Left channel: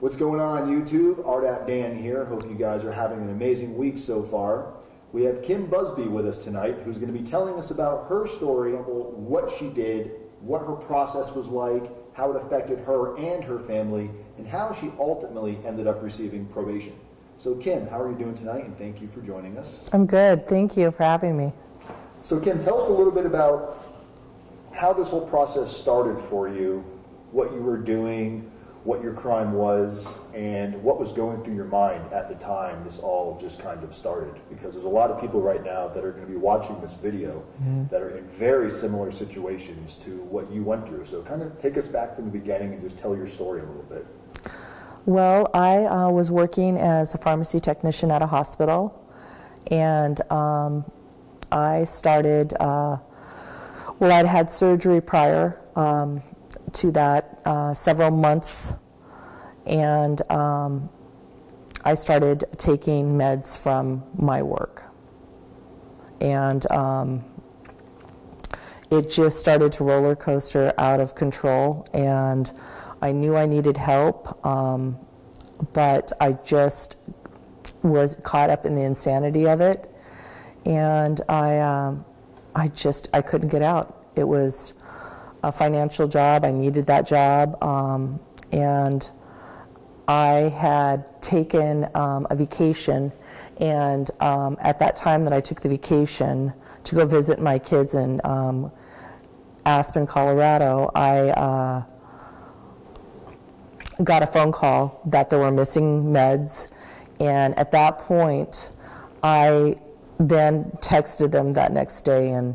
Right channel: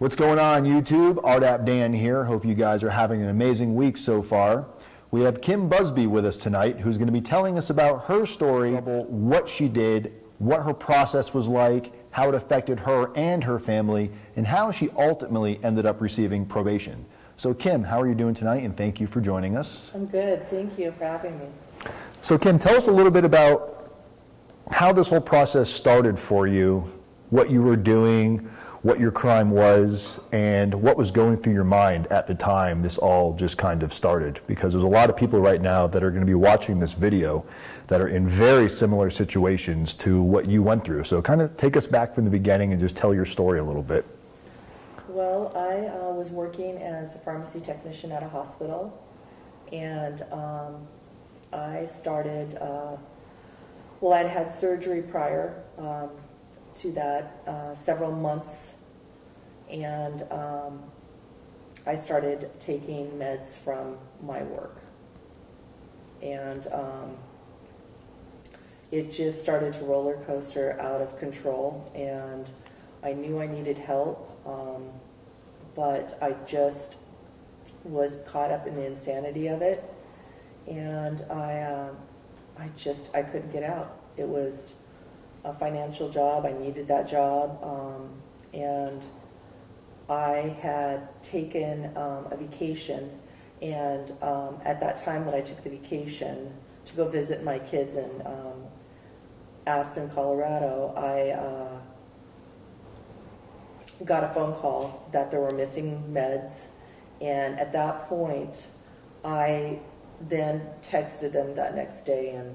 What's going on YouTube? RDAP Dan here. Hope you guys are having an amazing week so far. We have Kim Busby with us tonight, who's going to be telling us about her story, what she did, what her process was like, how it affected her and her family, and how she ultimately ended up receiving probation. So Kim, how are you doing tonight? And thank you for joining us. I'm good. Thank you for having me. So Kim, tell us a little bit about how this whole process started for you, what you were doing, what your crime was, and what was going through your mind at the time this all just kind of started. Because there's a lot of people right now that are going to be watching this video that are in very similar situations to what you went through. So kind of take us back from the beginning and just tell your story a little bit. Well, I was working as a pharmacy technician at a hospital, and I started, well, I'd had surgery prior to that, several months, and I started taking meds from my work, and it just started to roller coaster out of control, and I knew I needed help, but I just was caught up in the insanity of it, and I couldn't get out. It was a financial job. I needed that job, and I had taken a vacation, and at that time that I took the vacation to go visit my kids in Aspen, Colorado, I got a phone call that there were missing meds, and at that point I then texted them that next day and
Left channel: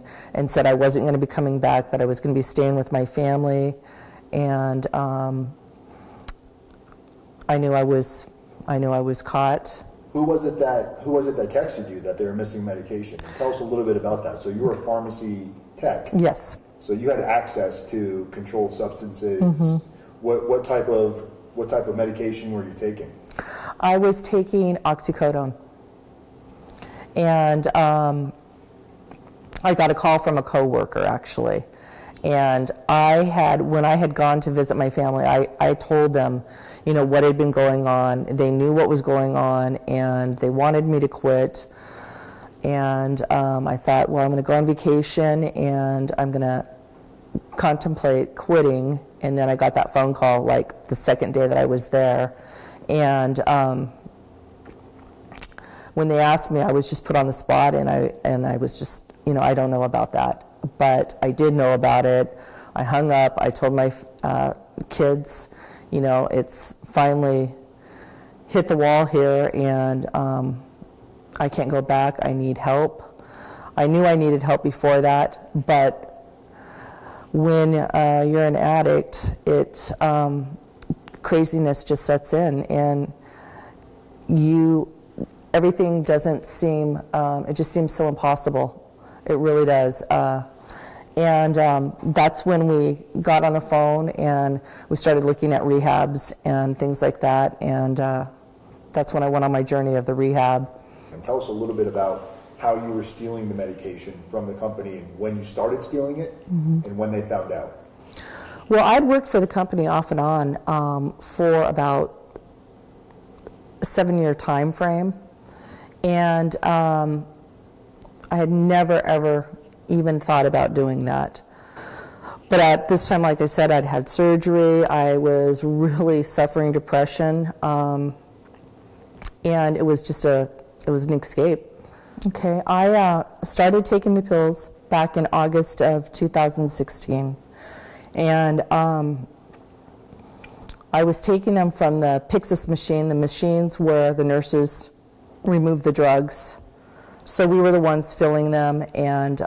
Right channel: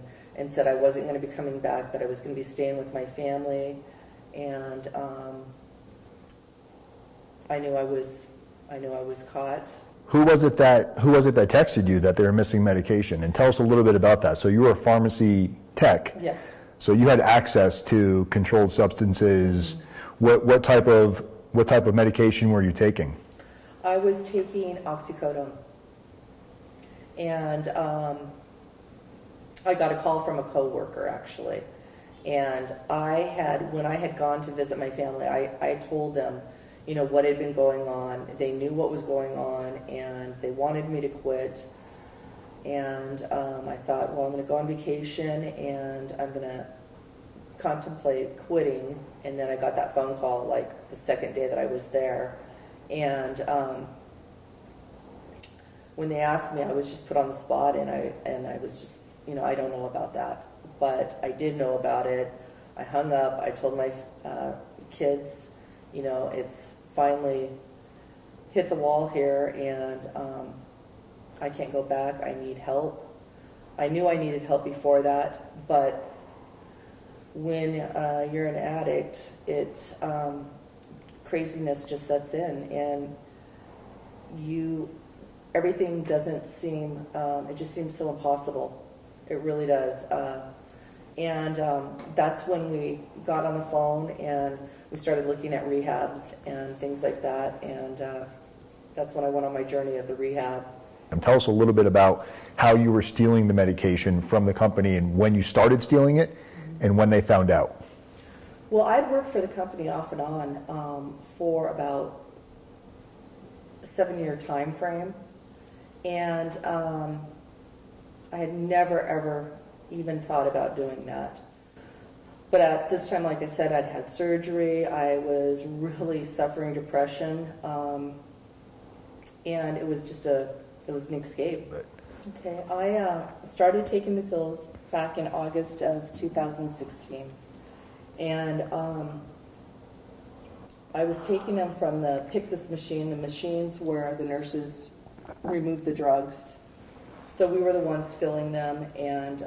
said I wasn't going to be coming back, that I was going to be staying with my family, and I knew I was caught. Who was it that texted you that they were missing medication? And tell us a little bit about that. So you were a pharmacy tech. Yes. So you had access to controlled substances. What type of medication were you taking? I was taking oxycodone. And I got a call from a coworker, actually. And when I had gone to visit my family, I told them, you know, what had been going on. They knew what was going on, and they wanted me to quit. And I thought, well, I'm going to go on vacation, and I'm going to contemplate quitting. And then I got that phone call, like, the second day that I was there. And when they asked me, I was just put on the spot, and I was just, you know, I don't know about that. But I did know about it. I hung up. I told my kids, you know, it's finally hit the wall here, and I can't go back. I need help. I knew I needed help before that, but when you're an addict, craziness just sets in, and everything doesn't seem, it just seems so impossible. It really does. And that's when we got on the phone and we started looking at rehabs and things like that. And that's when I went on my journey of the rehab. And tell us a little bit about how you were stealing the medication from the company and when you started stealing it and when they found out. Well, I'd worked for the company off and on for about a 7-year time frame. And I had never, ever even thought about doing that. But at this time, like I said, I'd had surgery. I was really suffering depression. And it was just it was an escape. Okay, I started taking the pills back in August of 2016. And I was taking them from the Pyxis machine, the machines where the nurses remove the drugs. So we were the ones filling them and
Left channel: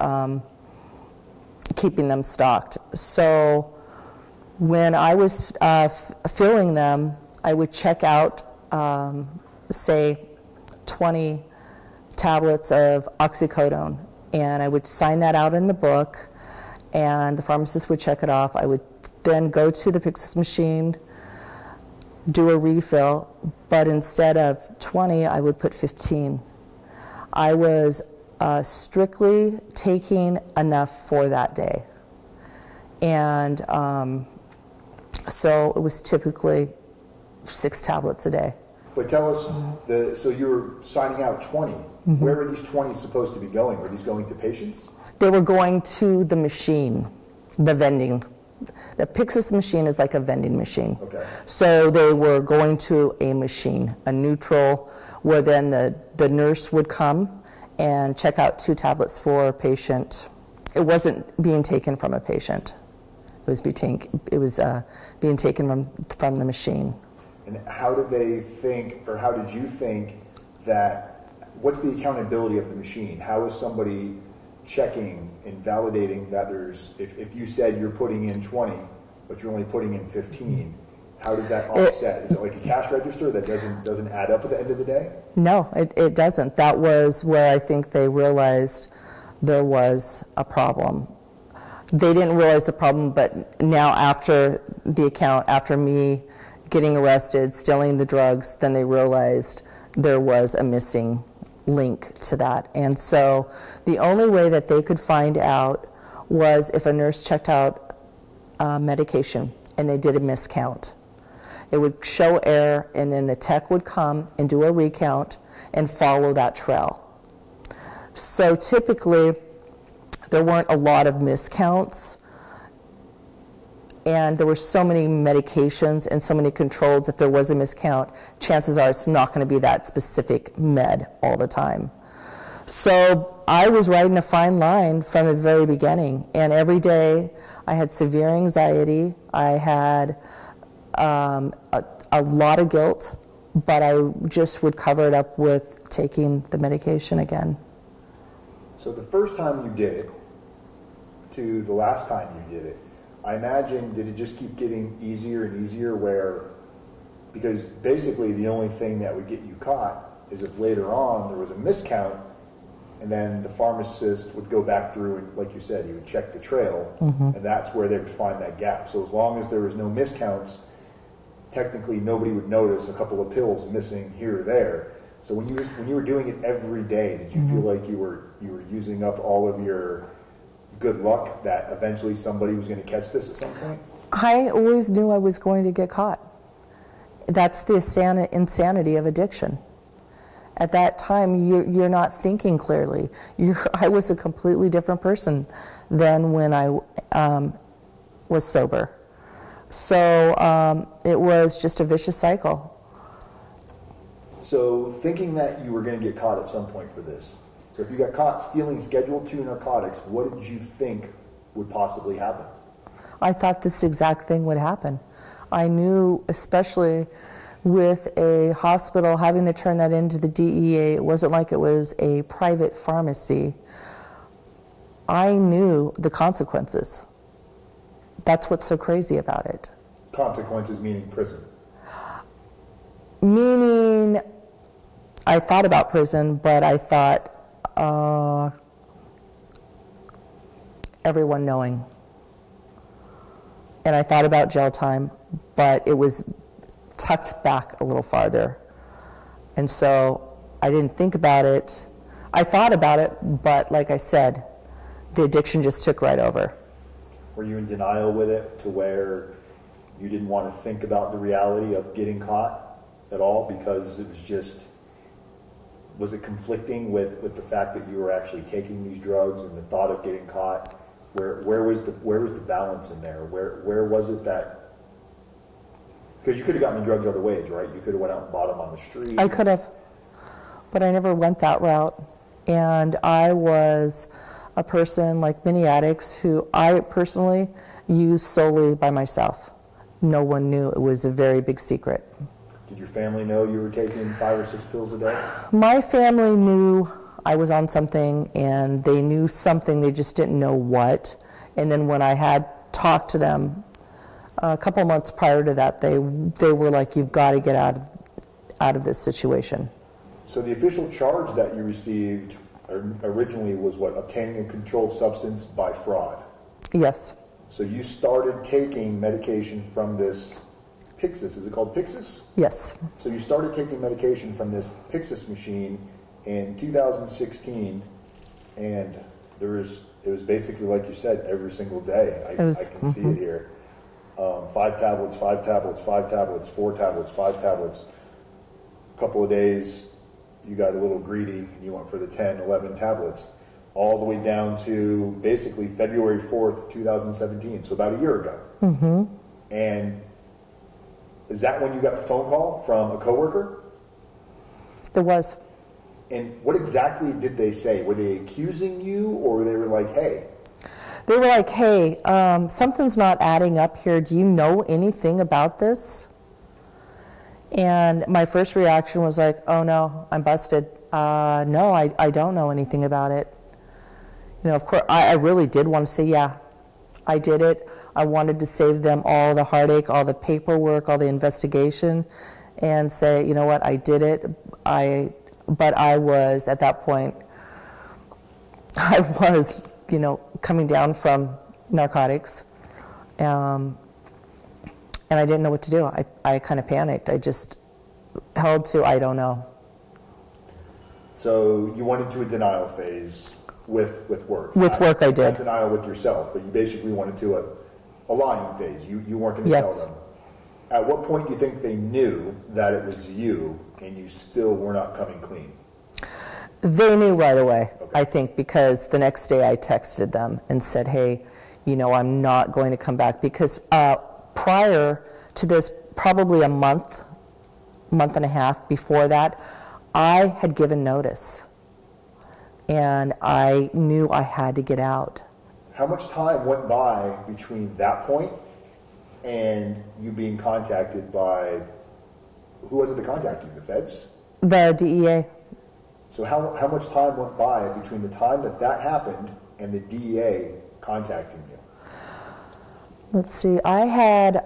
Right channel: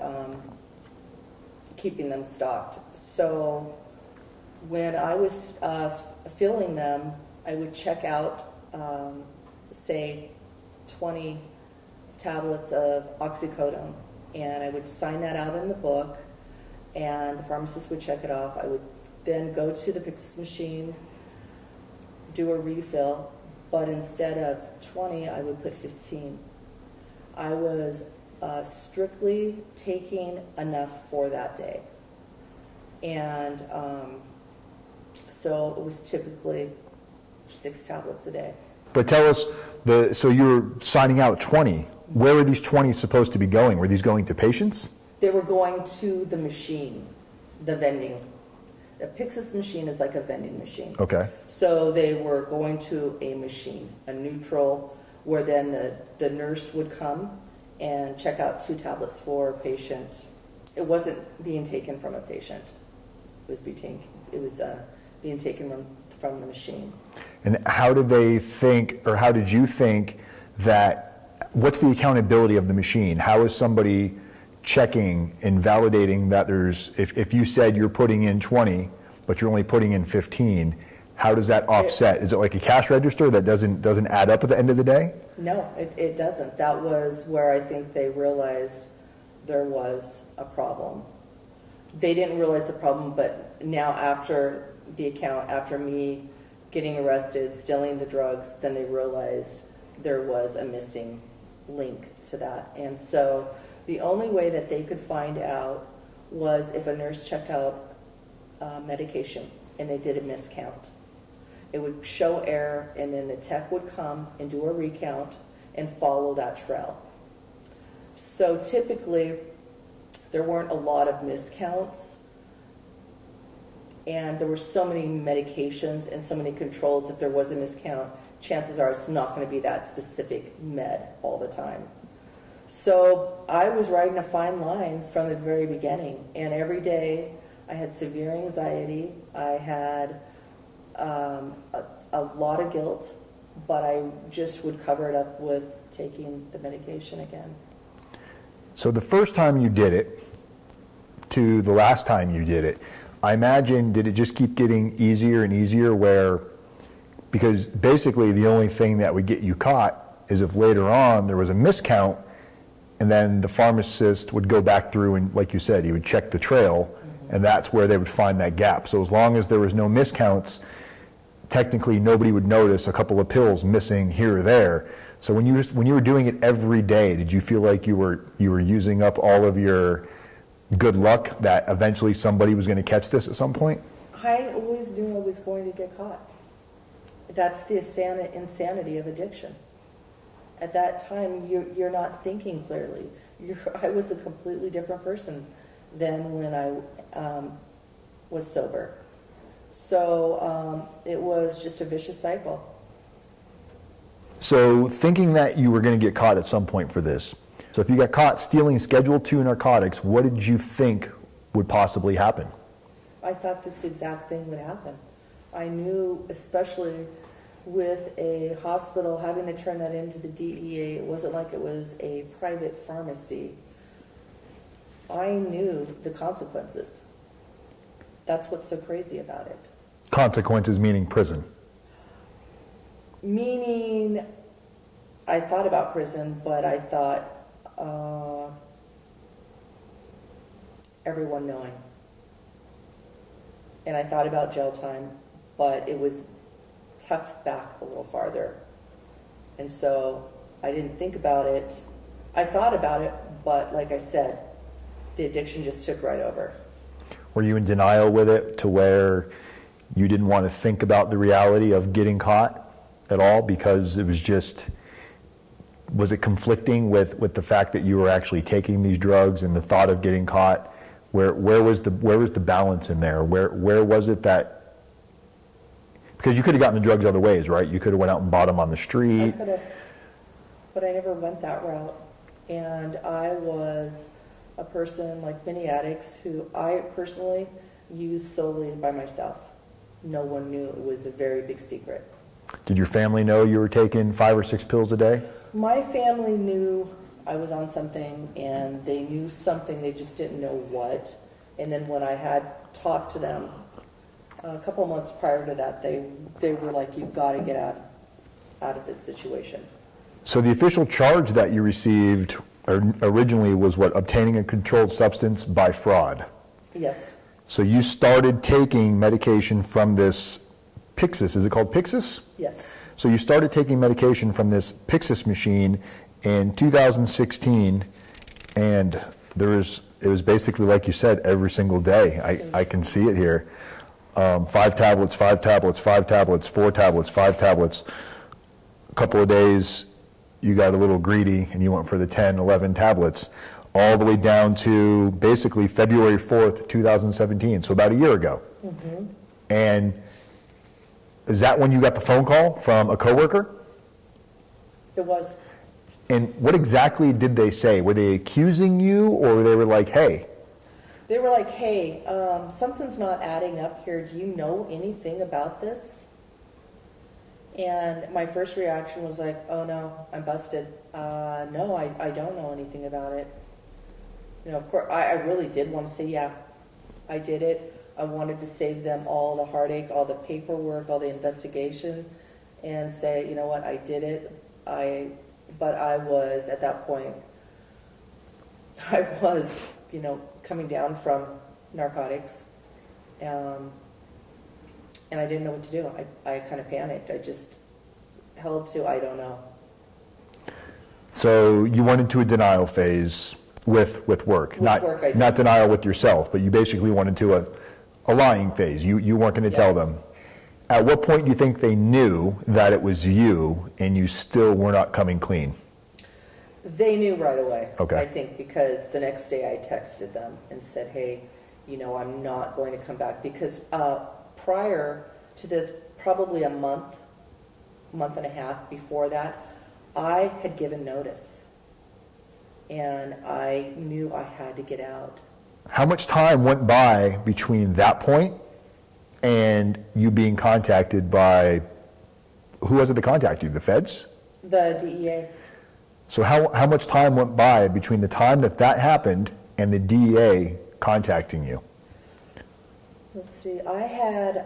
keeping them stocked. So when I was filling them, I would check out, say, 20 tablets of oxycodone, and I would sign that out in the book, and the pharmacist would check it off. I would then go to the Pyxis machine, do a refill, but instead of 20, I would put 15. I was strictly taking enough for that day. And so it was typically 6 tablets a day. But tell us, so you're signing out 20. Where were these 20 supposed to be going? Were these going to patients? They were going to the machine, the vending. The Pyxis machine is like a vending machine. Okay. So they were going to a machine, a neutral, where then the nurse would come and check out 2 tablets for a patient. It wasn't being taken from a patient. It was being taken from the machine. And how did they think, or how did you think that, what's the accountability of the machine? How is somebody checking and validating that there's, if you said you're putting in 20, but you're only putting in 15, how does that offset? Is it like a cash register that doesn't add up at the end of the day? No, it doesn't. That was where I think they realized there was a problem. They didn't realize the problem, but now after the account, after me getting arrested, stealing the drugs, then they realized there was a missing link to that. And so the only way that they could find out was if a nurse checked out medication and they did a miscount. It would show error, and then the tech would come and do a recount and follow that trail. So typically, there weren't a lot of miscounts, and there were so many medications and so many controls. If there was a miscount, chances are it's not going to be that specific med all the time. So I was riding a fine line from the very beginning, and every day I had severe anxiety. I had a lot of guilt, but I just would cover it up with taking the medication again. So the first time you did it to the last time you did it, I imagine, did it just keep getting easier and easier because basically the only thing that would get you caught is if later on there was a miscount, and then the pharmacist would go back through and, like you said, he would check the trail, and that's where they would find that gap. So as long as there was no miscounts, technically nobody would notice a couple of pills missing here or there. So when you were doing it every day, did you feel like you were using up all of your good luck that eventually somebody was going to catch this at some point? I always knew I was going to get caught. That's the insanity of addiction. At that time, you're not thinking clearly. I was a completely different person than when I was sober. So it was just a vicious cycle. So thinking that you were going to get caught at some point for this, so if you got caught stealing Schedule II narcotics, what did you think would possibly happen? I thought this exact thing would happen. I knew, especially with a hospital having to turn that into the DEA, it wasn't like it was a private pharmacy. I knew the consequences. That's what's so crazy about it. Consequences meaning prison? Meaning, I thought about prison, but I thought everyone knowing. And I thought about jail time, but it was tucked back a little farther. And so I didn't think about it. I thought about it, but like I said, the addiction just took right over. Were you in denial with it to where you didn't want to think about the reality of getting caught at all because it was just, was it conflicting with the fact that you were actually taking these drugs and the thought of getting caught? Where was the balance in there? Where was it that, because you could have gotten the drugs other ways, right? You could have went out and bought them on the street. I could have, but I never went that route. And I was a person like many addicts who I personally used solely by myself. No one knew. It was a very big secret. Did your family know you were taking 5 or 6 pills a day? My family knew I was on something, and they knew something, they just didn't know what. And then when I had talked to them a couple months prior to that, they were like, you've got to get out of this situation. So the official charge that you received originally was what, obtaining a controlled substance by fraud? Yes. So you started taking medication from this Pyxis, is it called Pyxis? Yes. So you started taking medication from this Pyxis machine in 2016, and it was basically, like you said, every single day. I can see it here. 5 tablets, 5 tablets, 5 tablets, 4 tablets, 5 tablets. A couple of days, you got a little greedy and you went for the 10, 11 tablets, all the way down to basically February 4th, 2017, so about a year ago. Mm-hmm. And is that when you got the phone call from a coworker? It was. And what exactly did they say? Were they accusing you, or they were like, hey? They were like, hey, something's not adding up here. Do you know anything about this? And my first reaction was like, oh no, I'm busted. No, I don't know anything about it. You know, of course, I really did want to say, yeah, I did it. I wanted to save them all the heartache, all the paperwork, all the investigation, and say, you know what, I did it. But I was, at that point, I was, you know, coming down from narcotics, and I didn't know what to do. I kind of panicked. I just held to, I don't know. So you went into a denial phase with work. With work, I did. Not denial with yourself, but you basically went into a lying phase. You weren't going to tell them. At what point do you think they knew that it was you and you still were not coming clean? They knew right away, okay. I think, because the next day I texted them and said, hey, you know, I'm not going to come back. Because prior to this, probably a month and a half before that, I had given notice. And I knew I had to get out. How much time went by between that point and you being contacted by, who was it that contacted you, the feds? The DEA. So how much time went by between the time that happened and the DEA contacting you? Let's see, I had,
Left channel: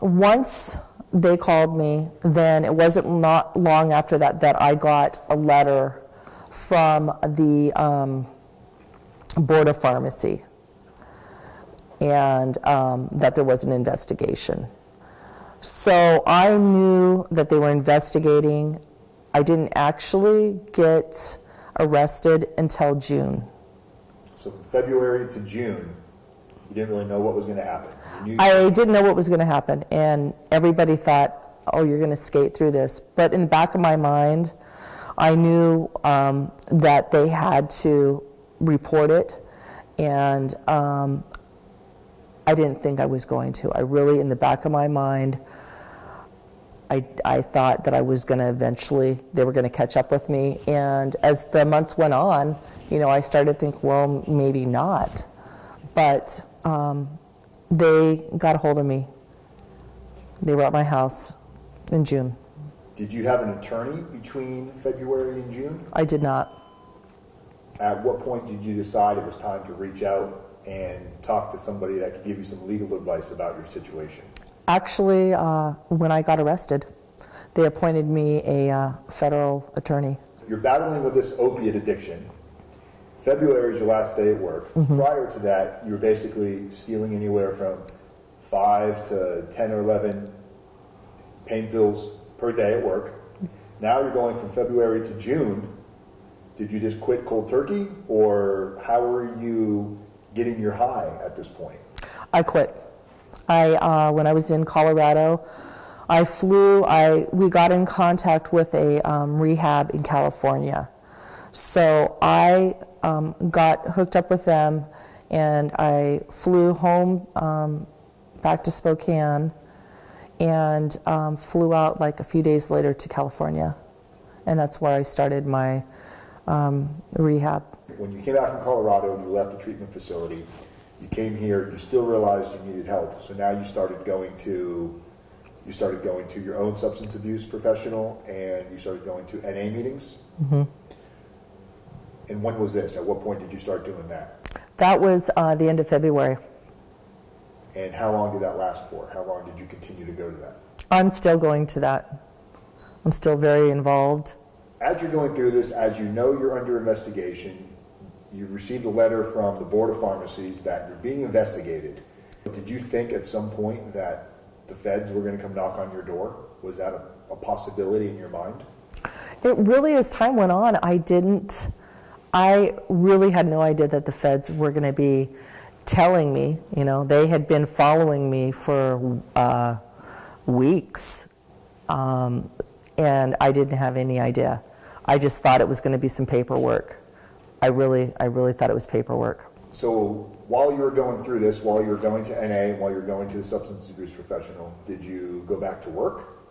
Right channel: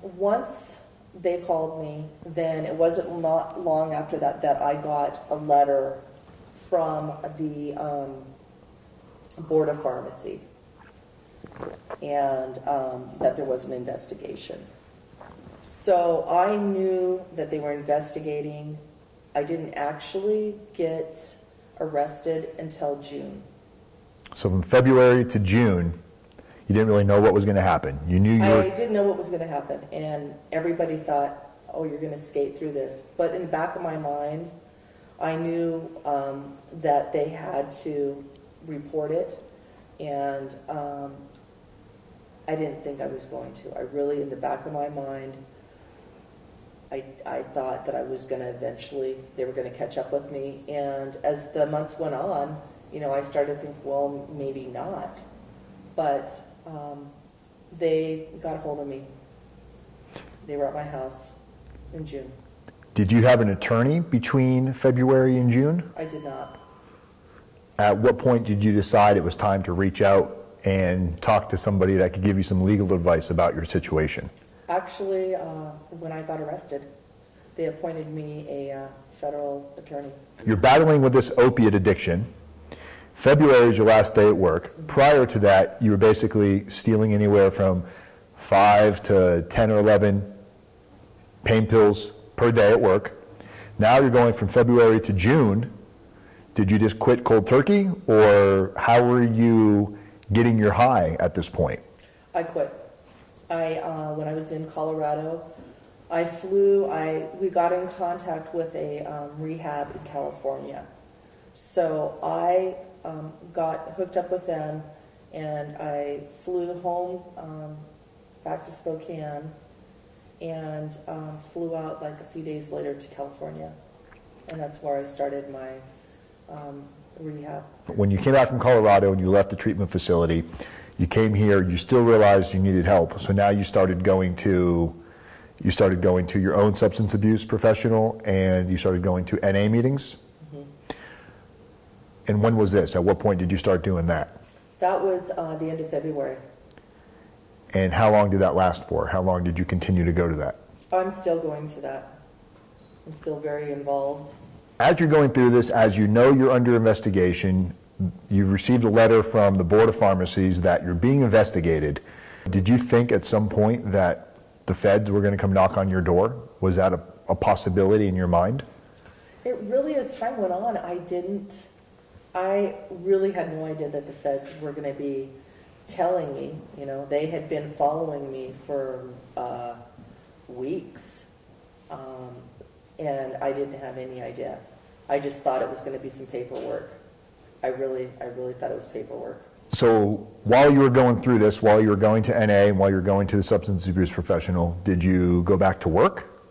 once they called me, then it wasn't not long after that I got a letter from the Board of Pharmacy, and that there was an investigation. So I knew that they were investigating. I didn't actually get arrested until June. So from February to June, you didn't really know what was going to happen. You knew I didn't know what was going to happen, and everybody thought, oh, you're going to skate through this. But in the back of my mind, I knew that they had to report it, and I didn't think I was going to. I really, in the back of my mind, I thought that I was going to eventually, they were going to catch up with me. And as the months went on, you know, I started to think, well, maybe not. But they got a hold of me. They were at my house in June. Did you have an attorney between February and June? I did not. At what point did you decide it was time to reach out and talk to somebody that could give you some legal advice about your situation? Actually, when I got arrested, they appointed me a federal attorney. You're battling with this opiate addiction. February is your last day at work. Mm-hmm. Prior to that, you were basically stealing anywhere from 5 to 10 or 11 pain pills per day at work. Now you're going from February to June. Did you just quit cold turkey, or how were you getting your high at this point? I quit. When I was in Colorado, I flew. We got in contact with a rehab in California. So I got hooked up with them, and I flew home back to Spokane, and flew out like a few days later to California. And that's where I started my rehab. When you came out from Colorado and you left the treatment facility, you came here, you still realized you needed help. So now you started going to your own substance abuse professional, and you started going to NA meetings. Mm-hmm. And when was this? At what point did you start doing that? That was the end of February. And how long did that last for? How long did you continue to go to that? I'm still going to that. I'm still very involved. As you're going through this, as you know you're under investigation, you've received a letter from the Board of Pharmacies that you're being investigated. Did you think at some point that the feds were going to come knock on your door? Was that a possibility in your mind? It really, as time went on, I really had no idea that the feds were going to be telling me, you know, they had been following me for weeks, and I didn't have any idea. I just thought it was going to be some paperwork. I really thought it was paperwork. So while you were going through this, while you were going to NA, and while you were going to the substance abuse professional, did you go back to work?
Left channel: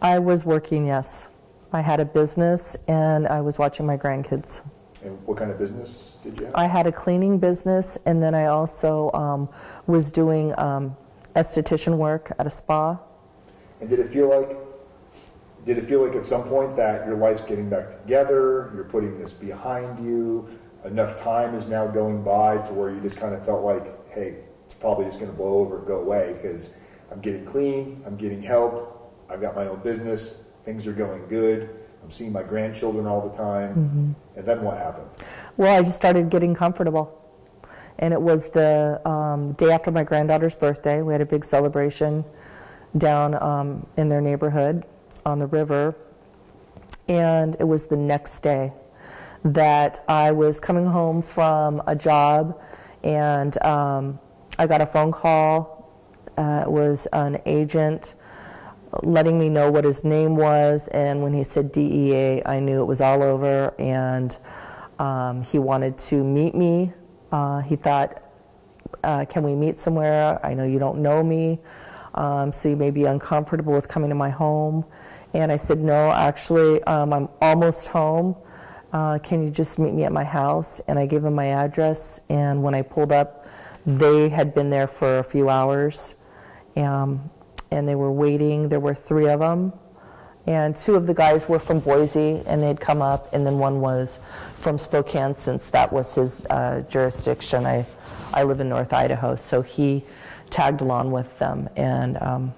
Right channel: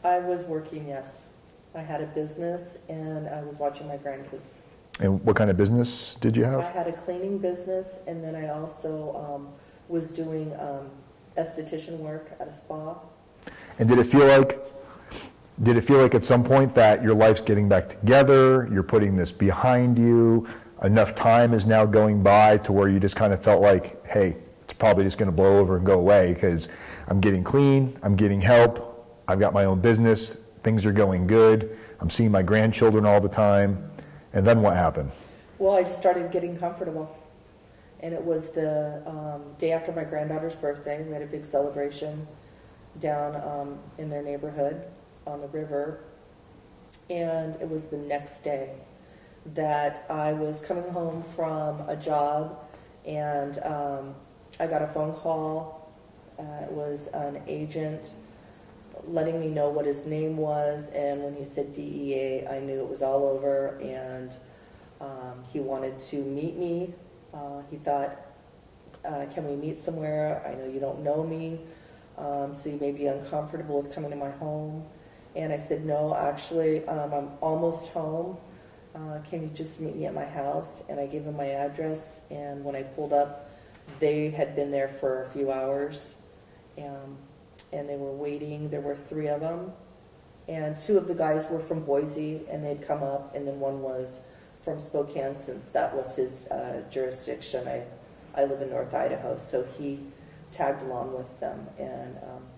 I was working, yes. I had a business, and I was watching my grandkids. And what kind of business did you have? I had a cleaning business, and then I also was doing esthetician work at a spa. And did it feel like at some point that your life's getting back together, you're putting this behind you, enough time is now going by to where you just kind of felt like, hey, it's probably just going to blow over and go away because I'm getting clean, I'm getting help, I've got my own business, things are going good, I'm seeing my grandchildren all the time, and then what happened? Well, I just started getting comfortable. And it was the day after my granddaughter's birthday. We had a big celebration down in their neighborhood on the river. And it was the next day that I was coming home from a job, and I got a phone call. It was an agent letting me know what his name was, and when he said DEA, I knew it was all over, and he wanted to meet me. He thought, can we meet somewhere? I know you don't know me, so you may be uncomfortable with coming to my home. And I said, no, actually, I'm almost home. Can you just meet me at my house? And I gave him my address, and when I pulled up, they had been there for a few hours, and they were waiting. There were 3 of them, and 2 of the guys were from Boise, and they'd come up, and then one was from Spokane, since that was his jurisdiction. I live in North Idaho, so he tagged along with them, and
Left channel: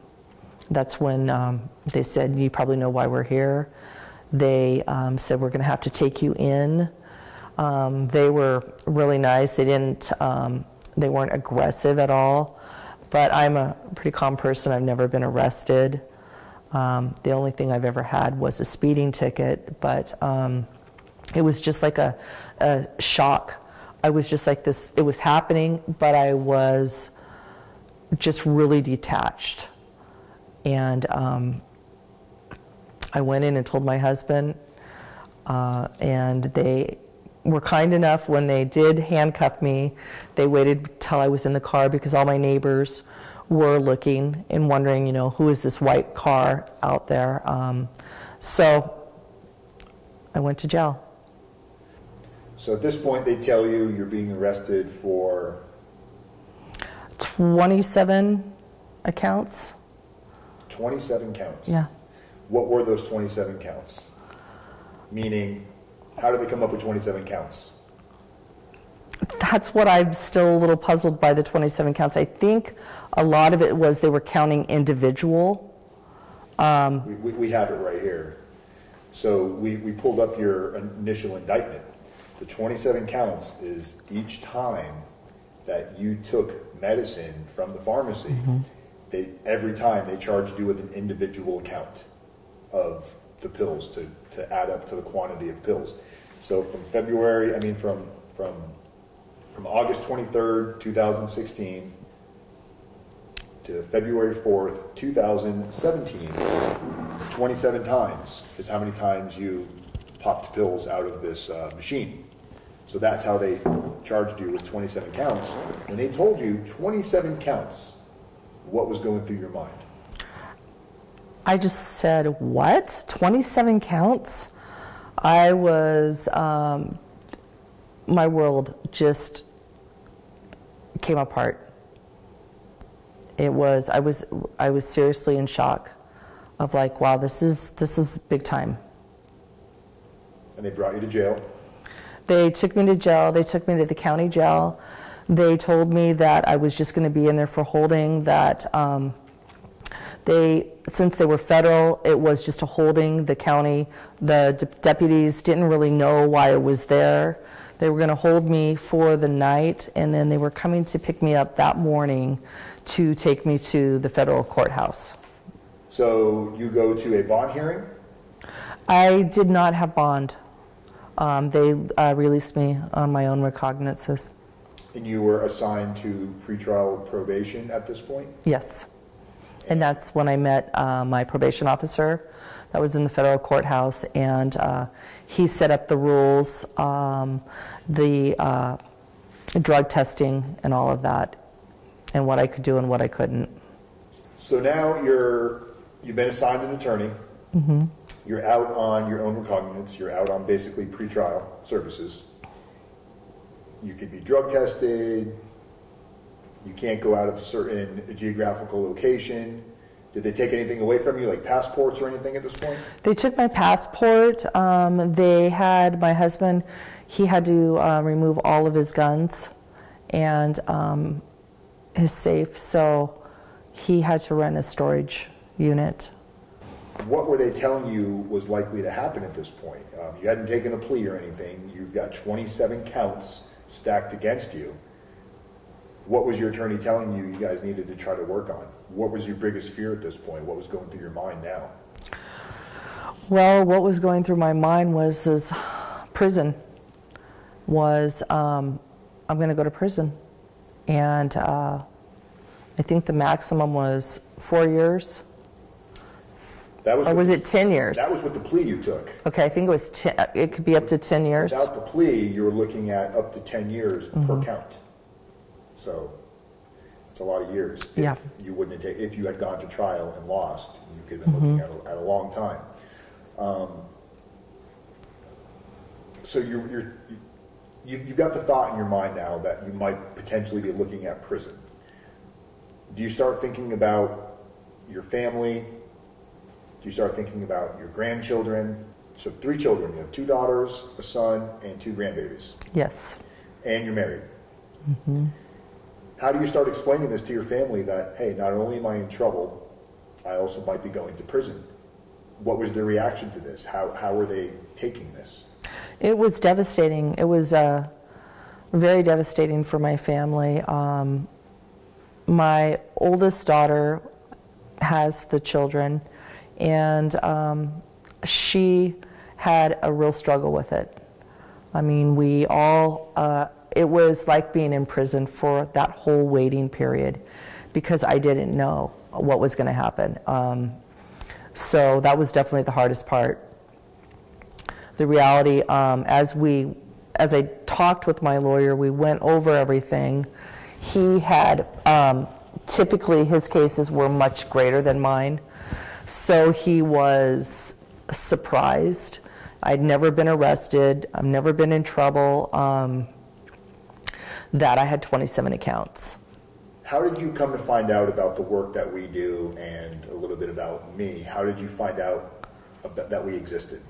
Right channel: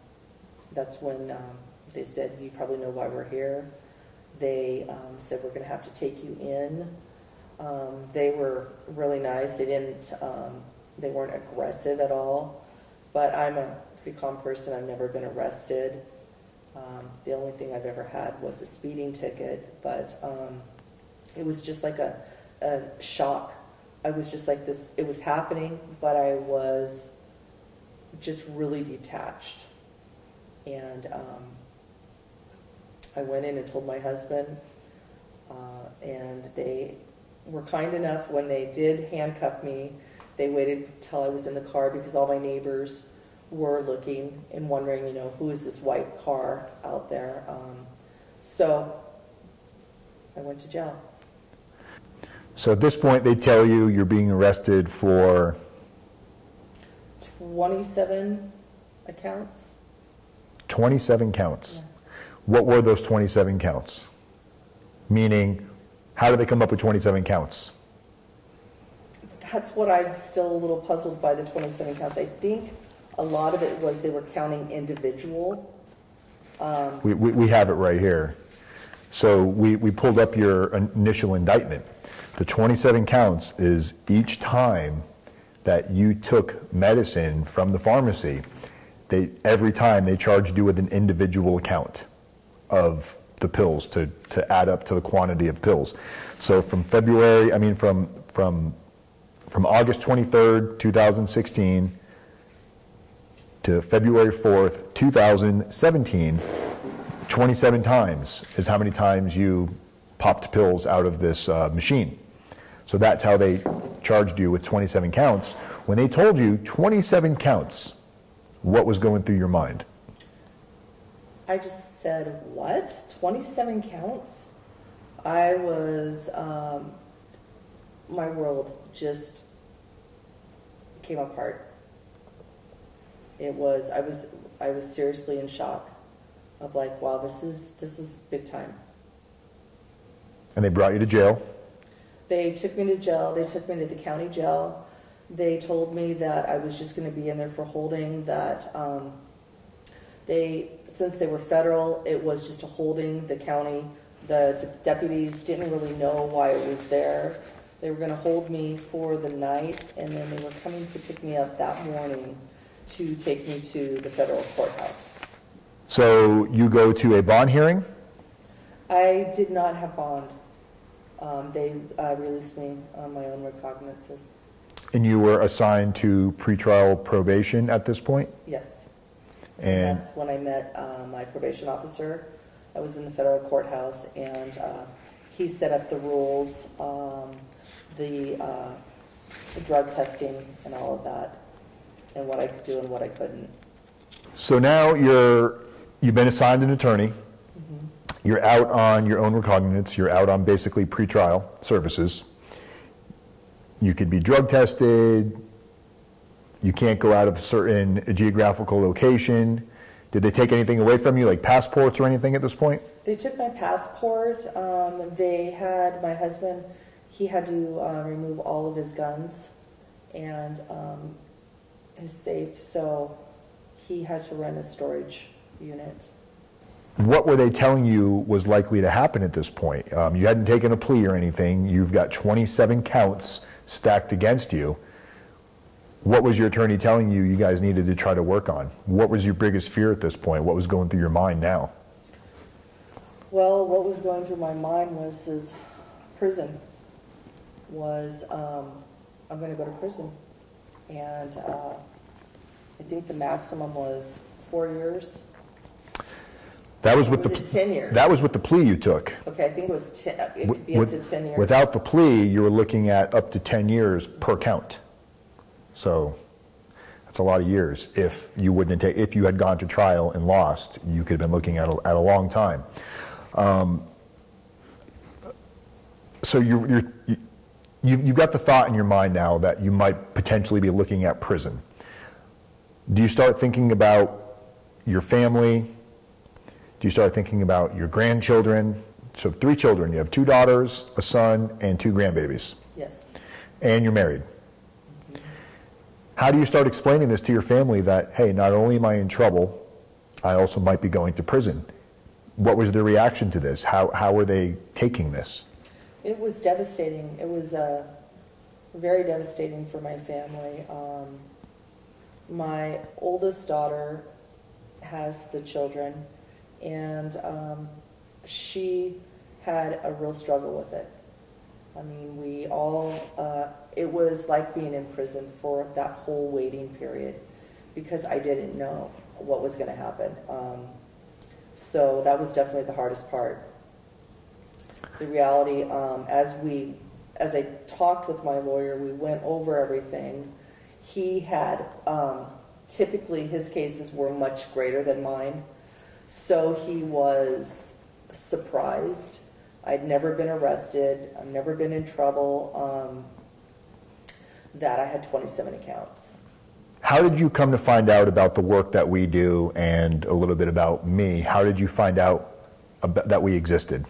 that's when they said, you probably know why we're here. They said, we're going to have to take you in. They were really nice. They weren't aggressive at all. But I'm a pretty calm person. I've never been arrested. The only thing I've ever had was a speeding ticket, but it was just like a shock. I was just like this, it was happening, but I was just really detached. And I went in and told my husband, and they were kind enough when they did handcuff me. They waited till I was in the car because all my neighbors were looking and wondering, you know, who is this white car out there? So I went to jail. So at this point, they tell you you're being arrested for 27 accounts. 27 counts? Yeah. What were those 27 counts? Meaning, how did they come up with 27 counts? That's what I'm still a little puzzled by, the 27 counts. I think a lot of it was they were counting individual. We have it right here. So we pulled up your initial indictment. The 27 counts is each time that you took medicine from the pharmacy, every time they charged you with an individual count of the pills to add up to the quantity of pills. So from from August 23rd, 2016 to February 4th, 2017, 27 times is how many times you popped pills out of this machine. So that's how they charged you with 27 counts. When they told you 27 counts, what was going through your mind? I just said, what? 27 counts? I was, my world just came apart. I was seriously in shock of like, wow, this is big time. And they brought you to jail? They took me to jail. They took me to the county jail. They told me that I was just going to be in there for holding, that since they were federal, it was just a holding. The county, the deputies didn't really know why I was there. They were going to hold me for the night, and then they were coming to pick me up that morning to take me to the federal courthouse. So you go to a bond hearing? I did not have bond. They released me on my own recognizances. And you were assigned to pretrial probation at this point? Yes. And that's when I met my probation officer. That was in the federal courthouse, and he set up the rules, the drug testing and all of that, and what I could do and what I couldn't. So now you've been assigned an attorney. Mm-hmm. You're out on your own recognizance. You're out on basically pretrial services. You could be drug tested. You can't go out of a certain geographical location. Did they take anything away from you, like passports or anything at this point? They took my passport. They had my husband, he had to remove all of his guns and his safe, so he had to rent a storage unit. What were they telling you was likely to happen at this point? You hadn't taken a plea or anything. You've got 27 counts stacked against you. What was your attorney telling you you guys needed to try to work on? What was your biggest fear at this point? What was going through your mind now? Well, what was going through my mind was prison. I'm going to go to prison. And I think the maximum was 4 years. That was or was it 10 years? That was with the plea you took. Okay, I think it was it could be up to 10 years. Without the plea, you were looking at up to 10 years per count. So that's a lot of years. If you wouldn't have if you had gone to trial and lost, you could have been looking at a long time. So you've got the thought in your mind now that you might potentially be looking at prison. Do you start thinking about your family? Do you start thinking about your grandchildren? So 3 children. You have 2 daughters, a son, and 2 grandbabies. Yes. And you're married. Mm-hmm. How do you start explaining this to your family that, hey, not only am I in trouble, I also might be going to prison? What was their reaction to this? How were they taking this? It was devastating. It was very devastating for my family. My oldest daughter has the children, and she had a real struggle with it. I mean, we all, it was like being in prison for that whole waiting period because I didn't know what was going to happen. So that was definitely the hardest part. The reality, as I talked with my lawyer, we went over everything. He had, typically his cases were much greater than mine, so he was surprised. I'd never been arrested, I've never been in trouble, that I had 27 accounts. How did you come to find out about the work that we do and a little bit about me? How did you find out that we existed?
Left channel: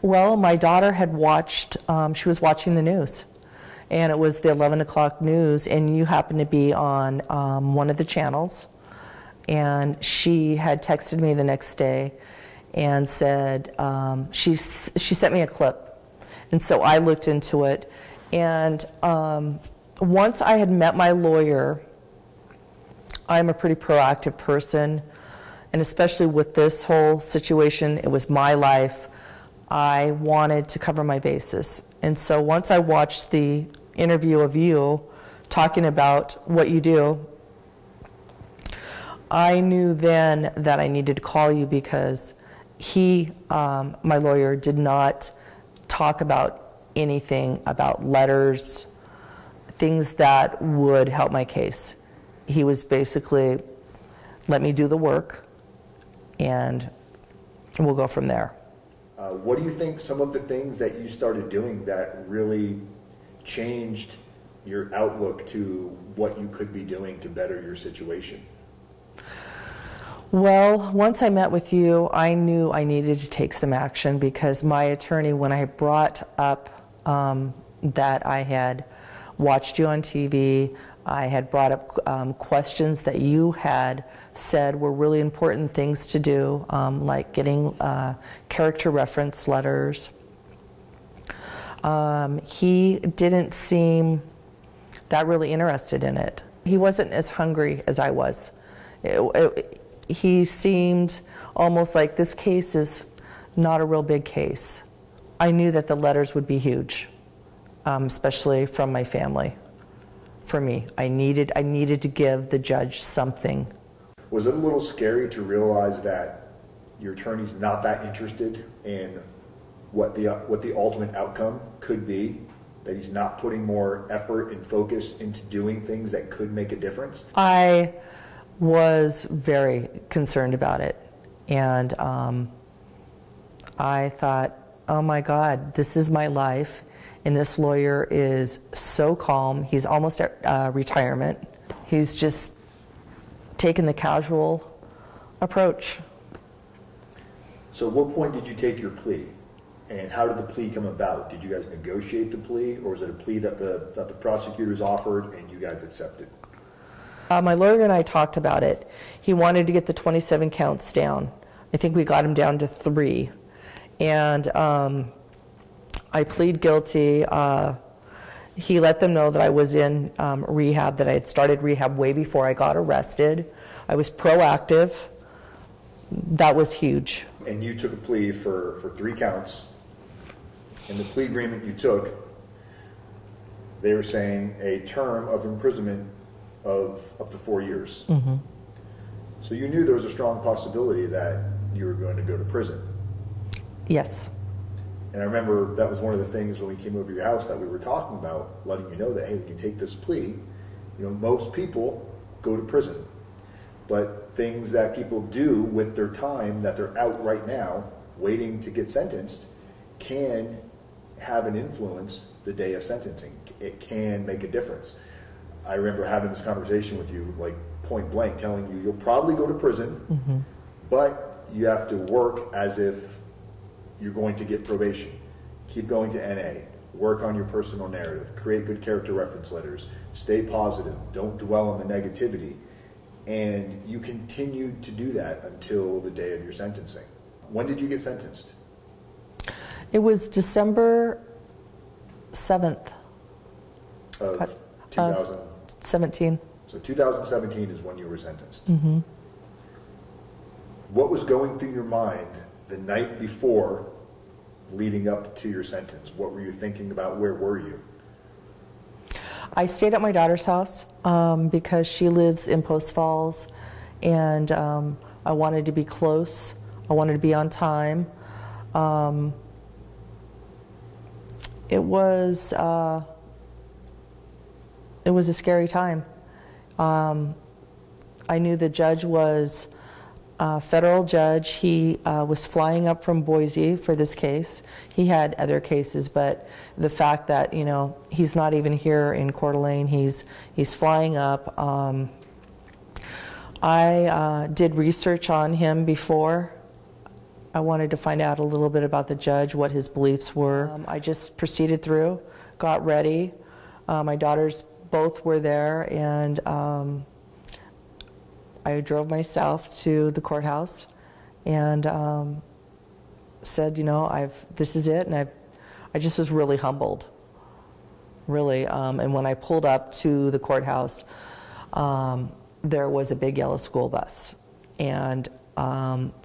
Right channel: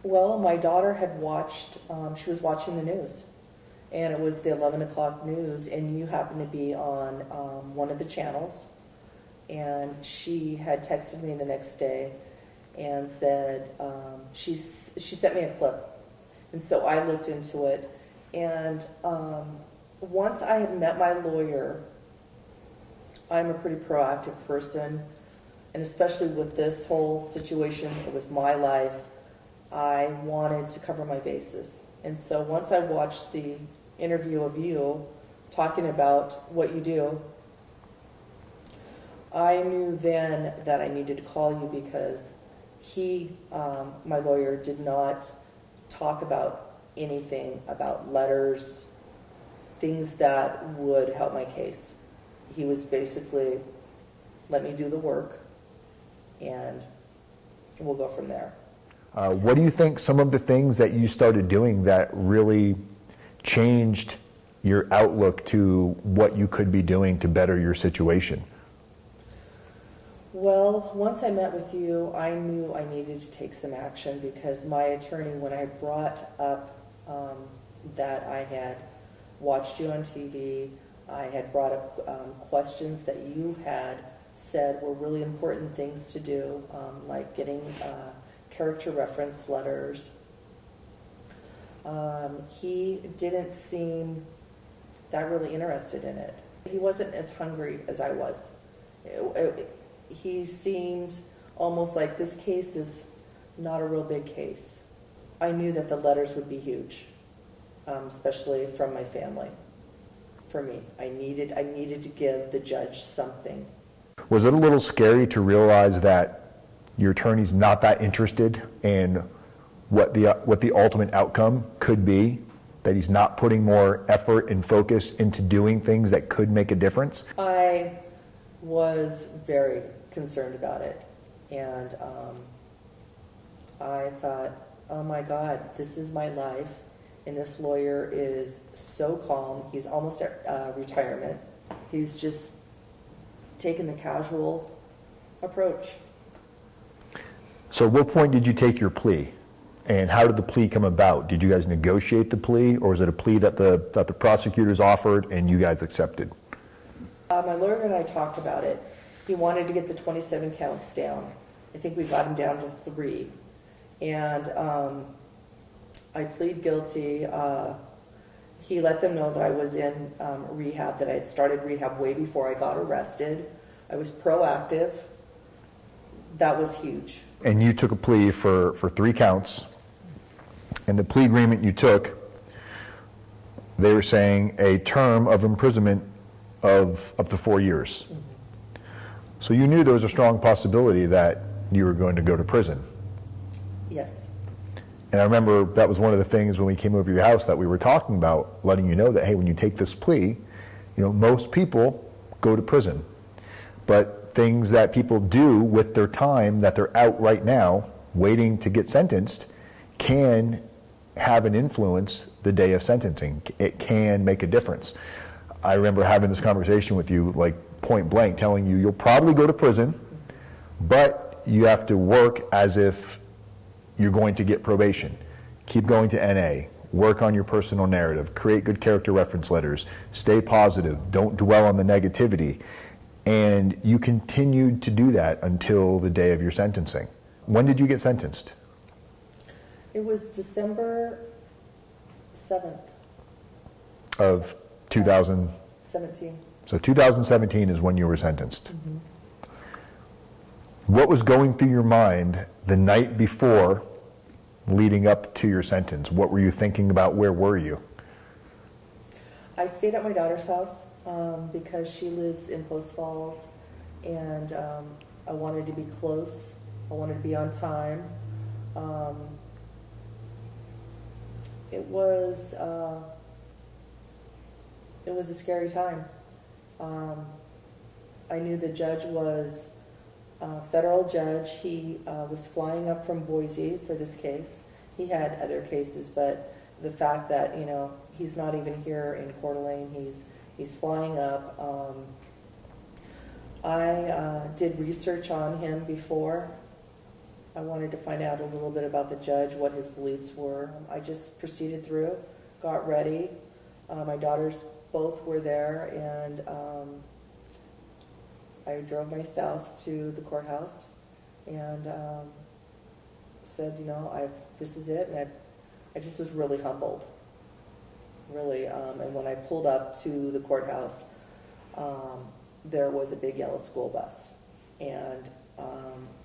Well, my daughter had watched, she was watching the news, and it was the 11 o'clock news, and you happened to be on one of the channels, and she had texted me the next day and said, she sent me a clip, and so I looked into it, and once I had met my lawyer, I'm a pretty proactive person, and especially with this whole situation, it was my life. I wanted to cover my bases. And so once I watched the interview of you talking about what you do, I knew then that I needed to call you because my lawyer, did not talk about anything about letters, things that would help my case. He was basically, let me do the work and we'll go from there. What do you think some of the things that you started doing that really changed your outlook to what you could be doing to better your situation? Well, once I met with you, I knew I needed to take some action because my attorney, when I brought up that I had watched you on TV, I had brought up questions that you had said were really important things to do, like getting character reference letters. He didn't seem that really interested in it. He wasn't as hungry as I was. He seemed almost like this case is not a real big case. I knew that the letters would be huge, especially from my family. for me. I needed to give the judge something. Was it a little scary to realize that your attorney's not that interested in what the ultimate outcome could be? That he's not putting more effort and focus into doing things that could make a difference? I was very concerned about it. And I thought, oh my God, this is my life. And this lawyer is so calm. He's almost at retirement. He's just taken the casual approach. So at what point did you take your plea? And how did the plea come about? Did you guys negotiate the plea, or was it a plea that the prosecutors offered and you guys accepted? My lawyer and I talked about it. He wanted to get the 27 counts down. I think we got him down to 3. And I plead guilty. He let them know that I was in rehab, that I had started rehab way before I got arrested. I was proactive. That was huge. And you took a plea for 3 counts. And the plea agreement you took, they were saying a term of imprisonment of up to 4 years. Mm-hmm. So you knew there was a strong possibility that you were going to go to prison. Yes. And I remember that was one of the things when we came over to your house that we were talking about, letting you know that, hey, when you take this plea, you know, most people go to prison. But things that people do with their time that they're out right now, waiting to get sentenced, can have an influence the day of sentencing. It can make a difference. I remember having this conversation with you, like point blank, telling you you'll probably go to prison, mm-hmm. but you have to work as if you're going to get probation. Keep going to NA, work on your personal narrative, create good character reference letters, stay positive, don't dwell on the negativity. And you continued to do that until the day of your sentencing. When did you get sentenced? It was December 7th. Of 2017. So 2017 is when you were sentenced. Mm-hmm. What was going through your mind the night before leading up to your sentence? What were you thinking about? Where were you? I stayed at my daughter's house because she lives in Post Falls, and I wanted to be close. I wanted to be on time. It was a scary time. I knew the judge was a federal judge. He was flying up from Boise for this case. He had other cases, but the fact that, you know, he's not even here in Coeur d'Alene, he's flying up. I did research on him before. I wanted to find out a little bit about the judge, what his beliefs were. I just proceeded through, got ready. My daughters both were there, and I drove myself to the courthouse and said, you know, this is it, and I just was really humbled, really. And when I pulled up to the courthouse, there was a big yellow school bus, and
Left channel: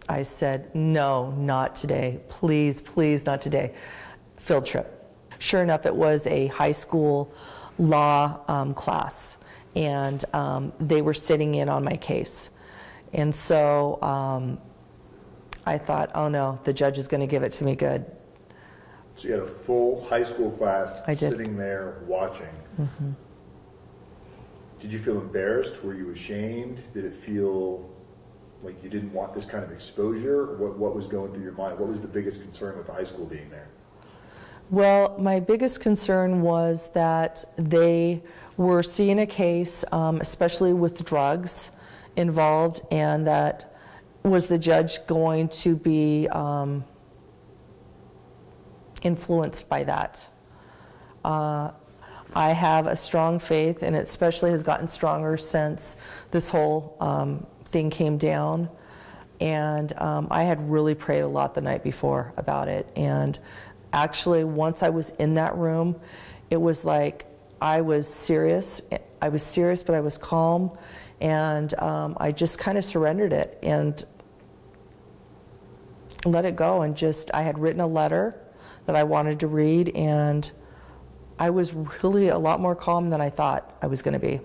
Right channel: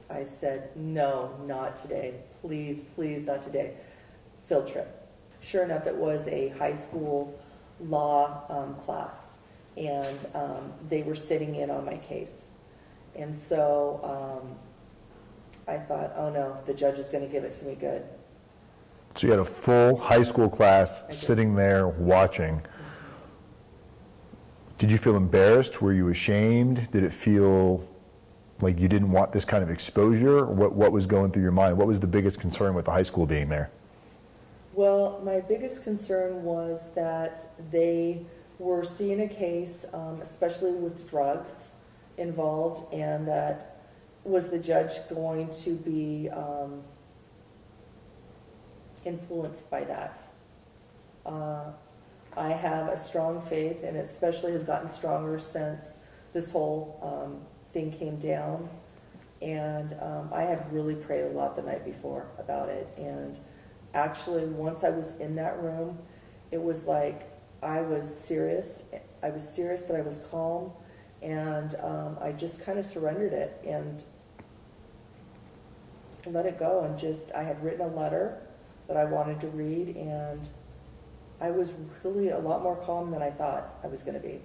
I said, no, not today, please, please, not today. Field trip. Sure enough, it was a high school law class, and they were sitting in on my case. And so I thought, oh no, the judge is going to give it to me good. So you had a full high school class sitting there watching. Mm-hmm. Did you feel embarrassed? Were you ashamed? Did it feel like you didn't want this kind of exposure? What was going through your mind? What was the biggest concern with the high school being there? Well, my biggest concern was that they were seeing a case, especially with drugs involved, and that was the judge going to be influenced by that. I have a strong faith, and it especially has gotten stronger since this whole thing came down. And I had really prayed a lot the night before about it. And actually, once I was in that room, it was like I was serious. I was serious, but I was calm. And I just kind of surrendered it and let it go. And I had written a letter that I wanted to read, and I was really a lot more calm than I thought I was going to be.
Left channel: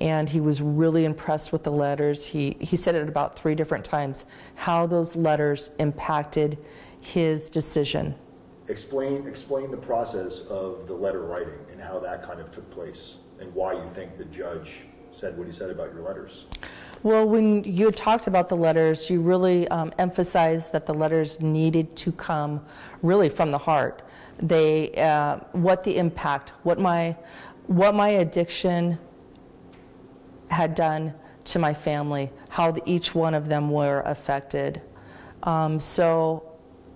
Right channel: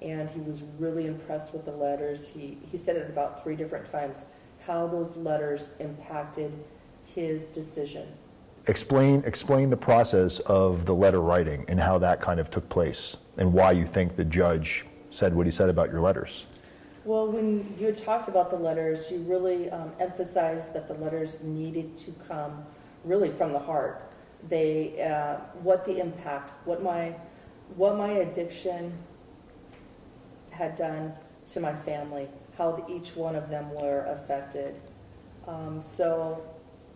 And he was really impressed with the letters. He said it about 3 different times, how those letters impacted his decision. Explain the process of the letter writing and how that kind of took place and why you think the judge said what he said about your letters. Well, when you had talked about the letters, you really emphasized that the letters needed to come really from the heart. They, what the impact, what my addiction had done to my family, how each one of them were affected. So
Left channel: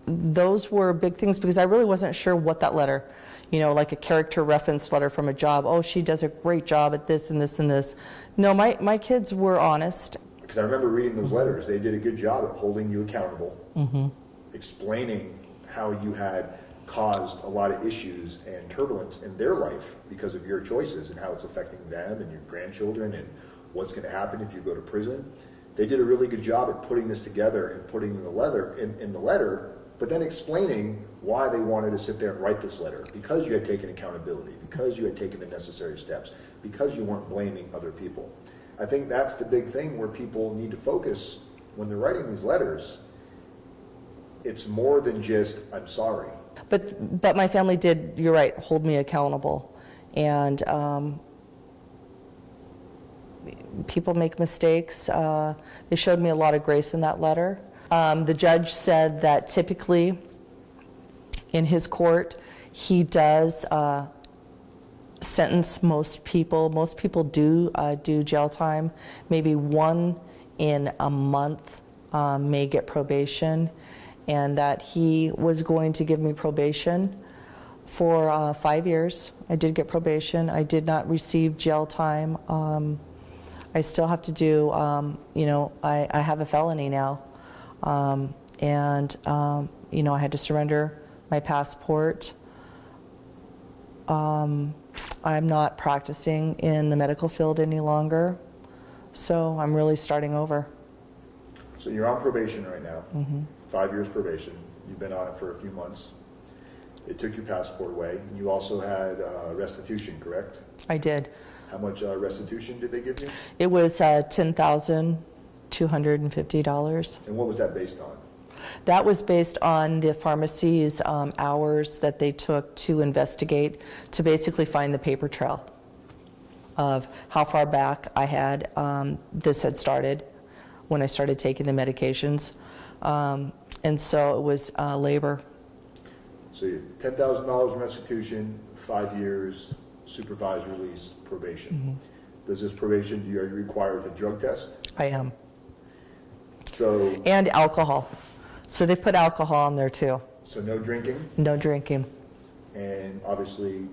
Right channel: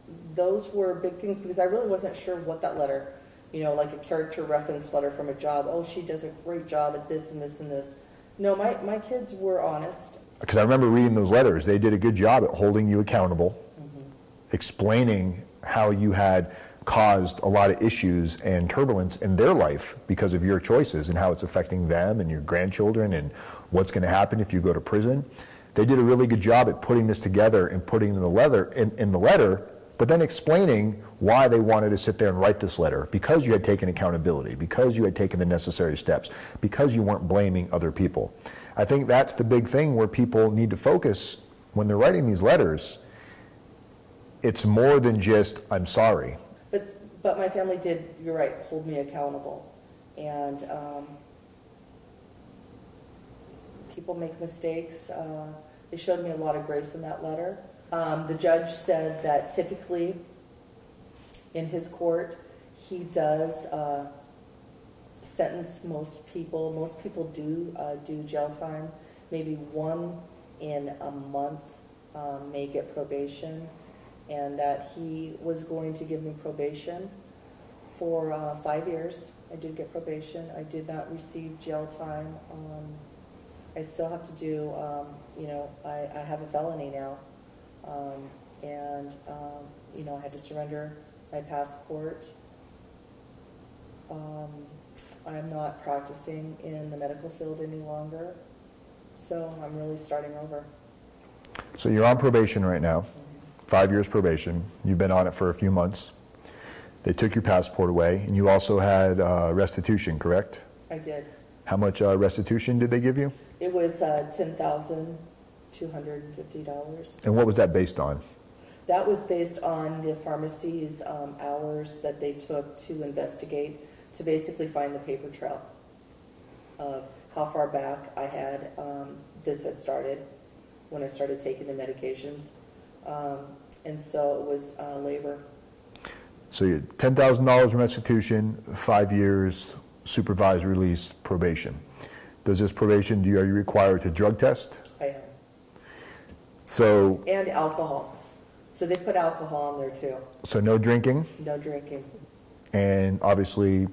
those were big things because I really wasn't sure what that letter, like a character reference letter from a job. Oh, she does a great job at this and this and this. No, my kids were honest. Because I remember reading those letters. They did a good job at holding you accountable, explaining how you had caused a lot of issues and turbulence in their life because of your choices and how it's affecting them and your grandchildren and what's going to happen if you go to prison. They did a really good job at putting this together and putting in the letter, but then explaining why they wanted to sit there and write this letter, because you had taken accountability, because you had taken the necessary steps, because you weren't blaming other people. I think that's the big thing where people need to focus when they're writing these letters. It's more than just, I'm sorry. But my family did, you're right, hold me accountable. And people make mistakes. They showed me a lot of grace in that letter. The judge said that typically in his court, he does sentence most people. Most people do jail time. Maybe 1 in a month may get probation, and that he was going to give me probation for 5 years. I did get probation. I did not receive jail time. I still have to do, I have a felony now. I had to surrender my passport. I'm not practicing in the medical field any longer, so I'm really starting over. So you're on probation right now, 5 years probation. You've been on it for a few months. They took your passport away, and you also had restitution, correct? I did. How much restitution did they give you? It was $10,250. And what was that based on? That was based on the pharmacies' hours that they took to investigate, to basically find the paper trail of how far back I had this had started when I started taking the medications. And so it was labor. So you had $10,000 restitution, 5 years, supervised release, probation. Does this probation, are you required to drug test? I am. So. And alcohol. So they put alcohol in there too. So no drinking? No drinking. And obviously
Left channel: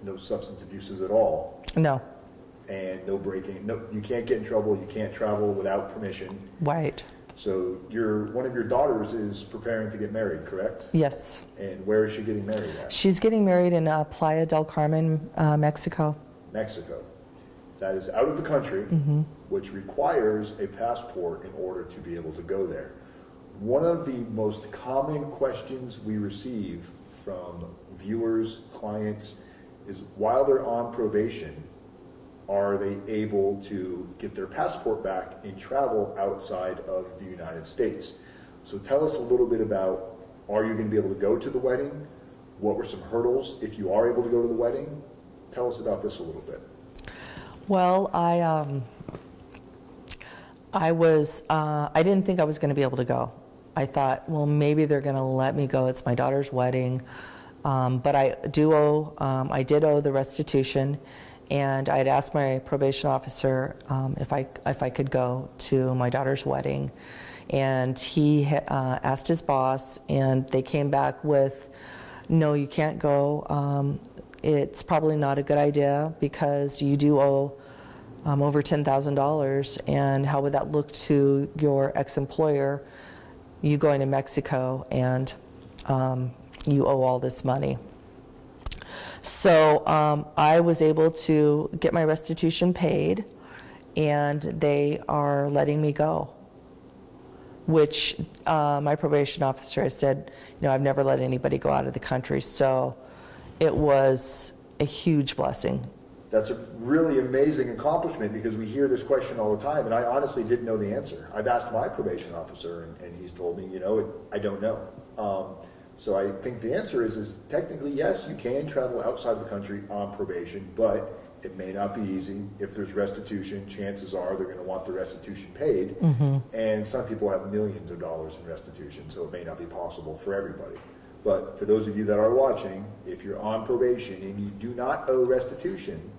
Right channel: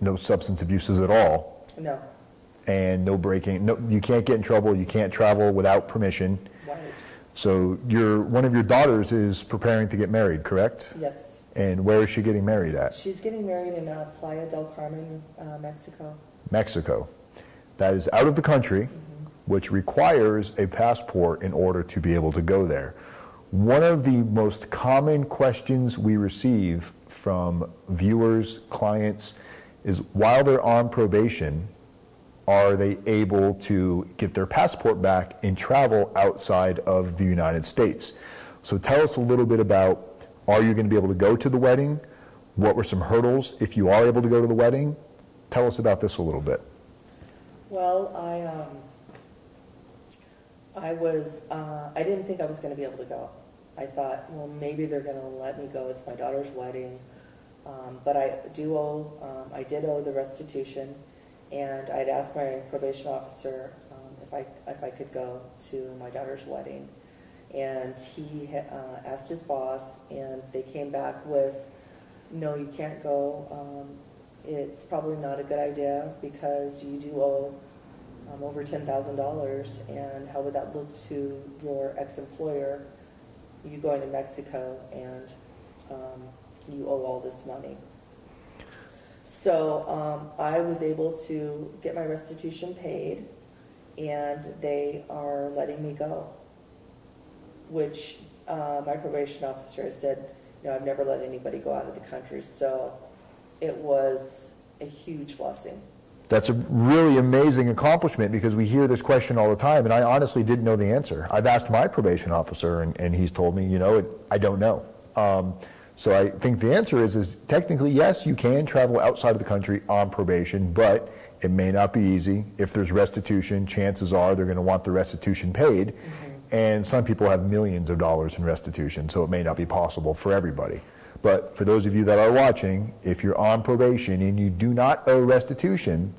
no substance abuses at all? No. And no breaking, no, you can't get in trouble, you can't travel without permission. Right. So one of your daughters is preparing to get married, correct? Yes. And where is she getting married at? She's getting married in Playa del Carmen, Mexico. Mexico. That is out of the country, which requires a passport in order to be able to go there. One of the most common questions we receive from viewers, clients, is while they're on probation, are they able to get their passport back and travel outside of the United States? So tell us a little bit about, are you going to be able to go to the wedding? What were some hurdles if you are able to go to the wedding? Tell us about this a little bit. Well, I didn't think I was going to be able to go. I thought, well, maybe they're going to let me go. It's my daughter's wedding. But I did owe the restitution. And I had asked my probation officer if I could go to my daughter's wedding, and he asked his boss, and they came back with, no, you can't go. It's probably not a good idea because you do owe over $10,000, and how would that look to your ex-employer, you going to Mexico and you owe all this money. So I was able to get my restitution paid, and they are letting me go, which my probation officer has said, I've never let anybody go out of the country. So it was a huge blessing. That's a really amazing accomplishment, because we hear this question all the time, and I honestly didn't know the answer. I've asked my probation officer, and he's told me, I don't know. So I think the answer is technically, yes, you can travel outside of the country on probation, but it may not be easy. If there's restitution, chances are they're going to want the restitution paid, and some people have millions of dollars in restitution, so it may not be possible for everybody. But for those of you that are watching, if you're on probation and you do not owe restitution,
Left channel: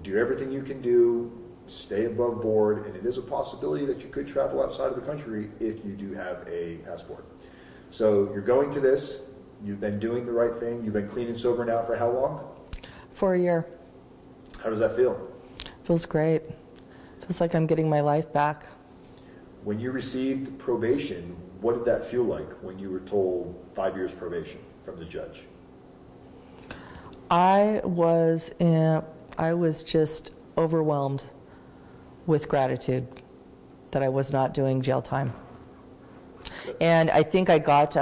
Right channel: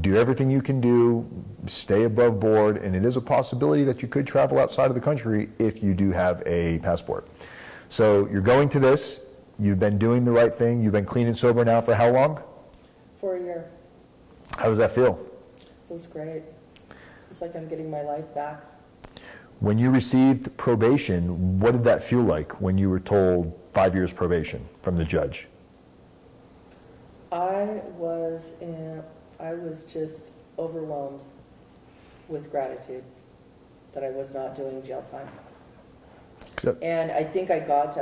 do everything you can do, stay above board, and it is a possibility that you could travel outside of the country if you do have a passport. So you're going to this, you've been doing the right thing, you've been clean and sober now for how long? For a year. How does that feel? Feels great. Feels like I'm getting my life back. When you received probation, what did that feel like when you were told 5 years probation from the judge? I was just overwhelmed with gratitude that I was not doing jail time. And I think I got,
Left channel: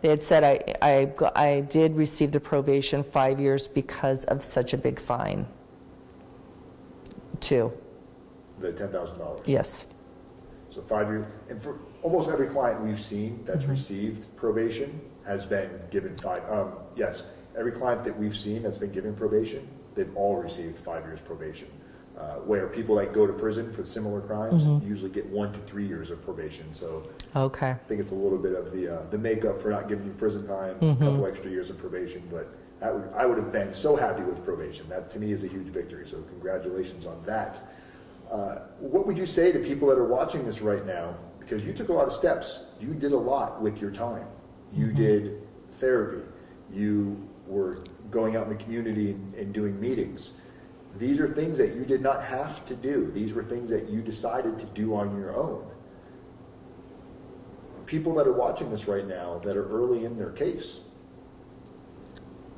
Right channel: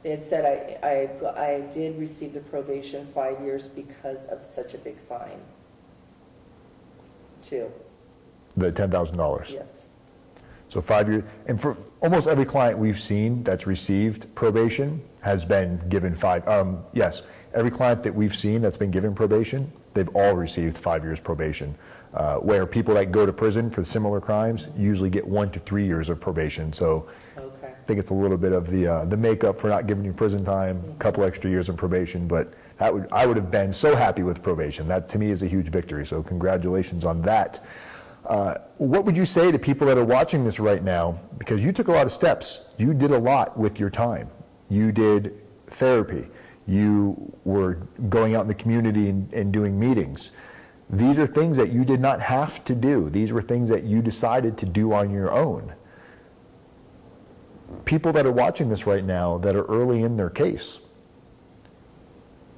they had said I did receive the probation 5 years because of such a big fine, too. The $10,000? Yes. So 5 years, and for almost every client we've seen that's received probation has been given yes, every client that we've seen that's been given probation, they've all received 5 years probation. Where people that go to prison for similar crimes usually get 1 to 3 years of probation. So okay. I think it's a little bit of the makeup for not giving you prison time, a couple extra years of probation, but I would have been so happy with probation. That to me is a huge victory, so congratulations on that. What would you say to people that are watching this right now? Because you took a lot of steps. You did a lot with your time. You did therapy. You were going out in the community and doing meetings. These are things that you did not have to do. These were things that you decided to do on your own. People that are watching this right now that are early in their case,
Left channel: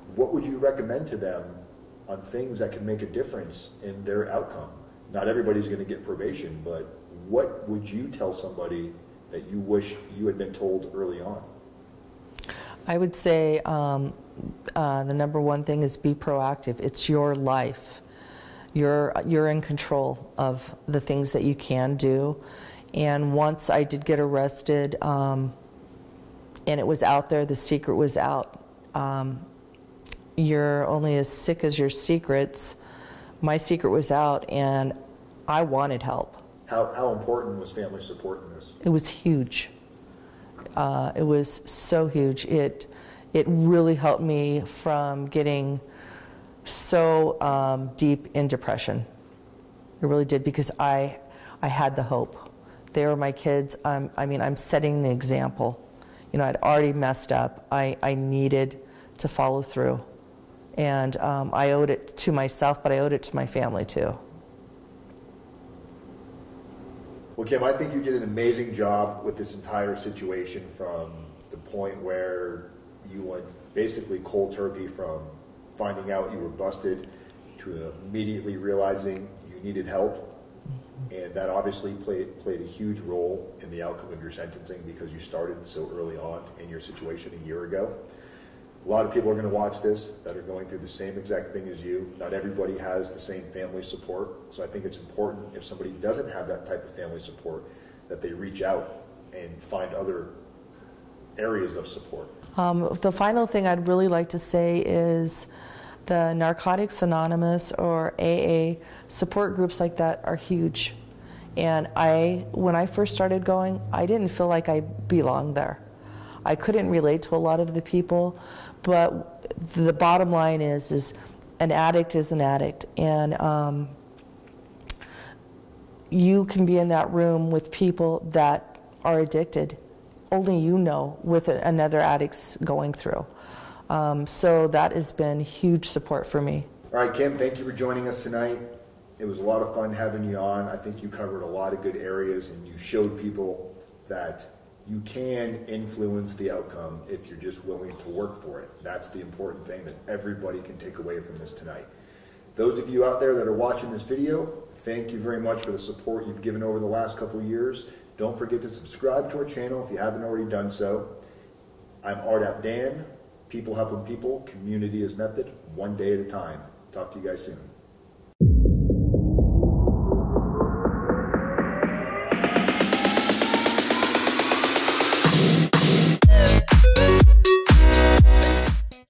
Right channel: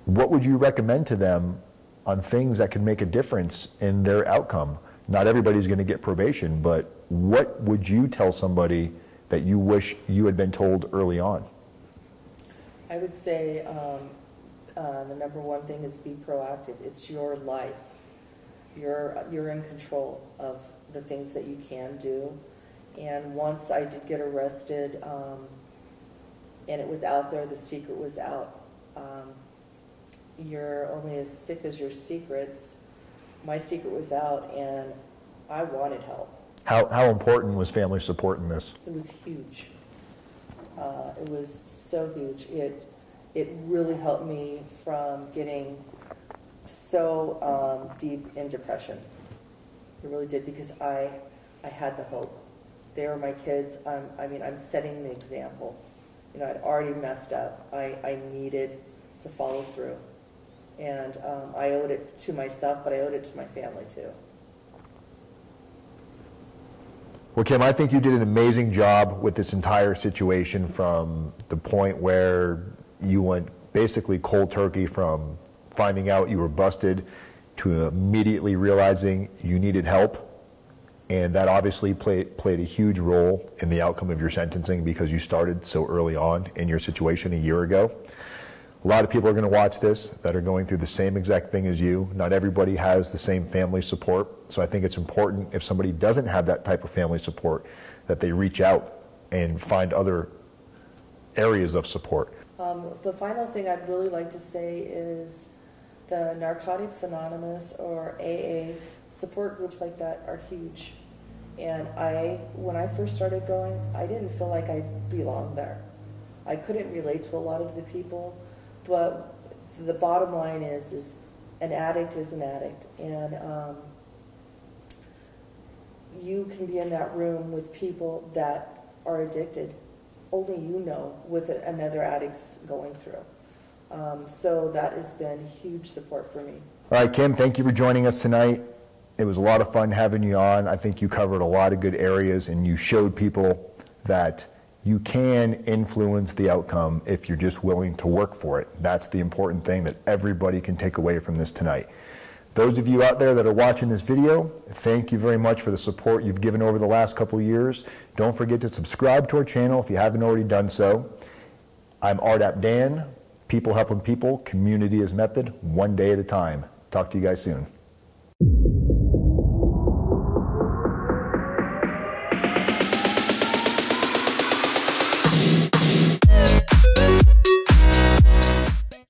what would you recommend to them on things that can make a difference in their outcome? Not everybody's going to get probation, but what would you tell somebody that you wish you had been told early on? I would say the number one thing is be proactive. It's your life. You're in control of the things that you can do. And once I did get arrested, and it was out there, the secret was out. You're only as sick as your secrets. My secret was out, and I wanted help. How important was family support in this? It was huge. It was so huge. It really helped me from getting so deep in depression. It really did, because I had the hope. They were my kids. I'm setting an example. I'd already messed up. I needed to follow through. And I owed it to myself, but I owed it to my family too. Well, Kim, I think you did an amazing job with this entire situation, from the point where you went basically cold turkey from finding out you were busted to immediately realizing you needed help. And that obviously played a huge role in the outcome of your sentencing, because you started so early on in your situation a year ago. A lot of people are going to watch this that are going through the same exact thing as you. Not everybody has the same family support. So I think it's important, if somebody doesn't have that type of family support, that they reach out and find other areas of support. The final thing I'd really like to say is the Narcotics Anonymous or AA support groups like that are huge. And when I first started going, I didn't feel like I belonged there. I couldn't relate to a lot of the people, but the bottom line is an addict is an addict. And you can be in that room with people that are addicted. Only you know with another addict's going through. So that has been huge support for me. All right, Kim, thank you for joining us tonight. It was a lot of fun having you on. I think you covered a lot of good areas, and you showed people that you can influence the outcome if you're just willing to work for it. That's the important thing that everybody can take away from this tonight. Those of you out there that are watching this video, thank you very much for the support you've given over the last couple of years. Don't forget to subscribe to our channel if you haven't already done so. I'm RDAP Dan. People helping people, community is method, one day at a time. Talk to you guys soon.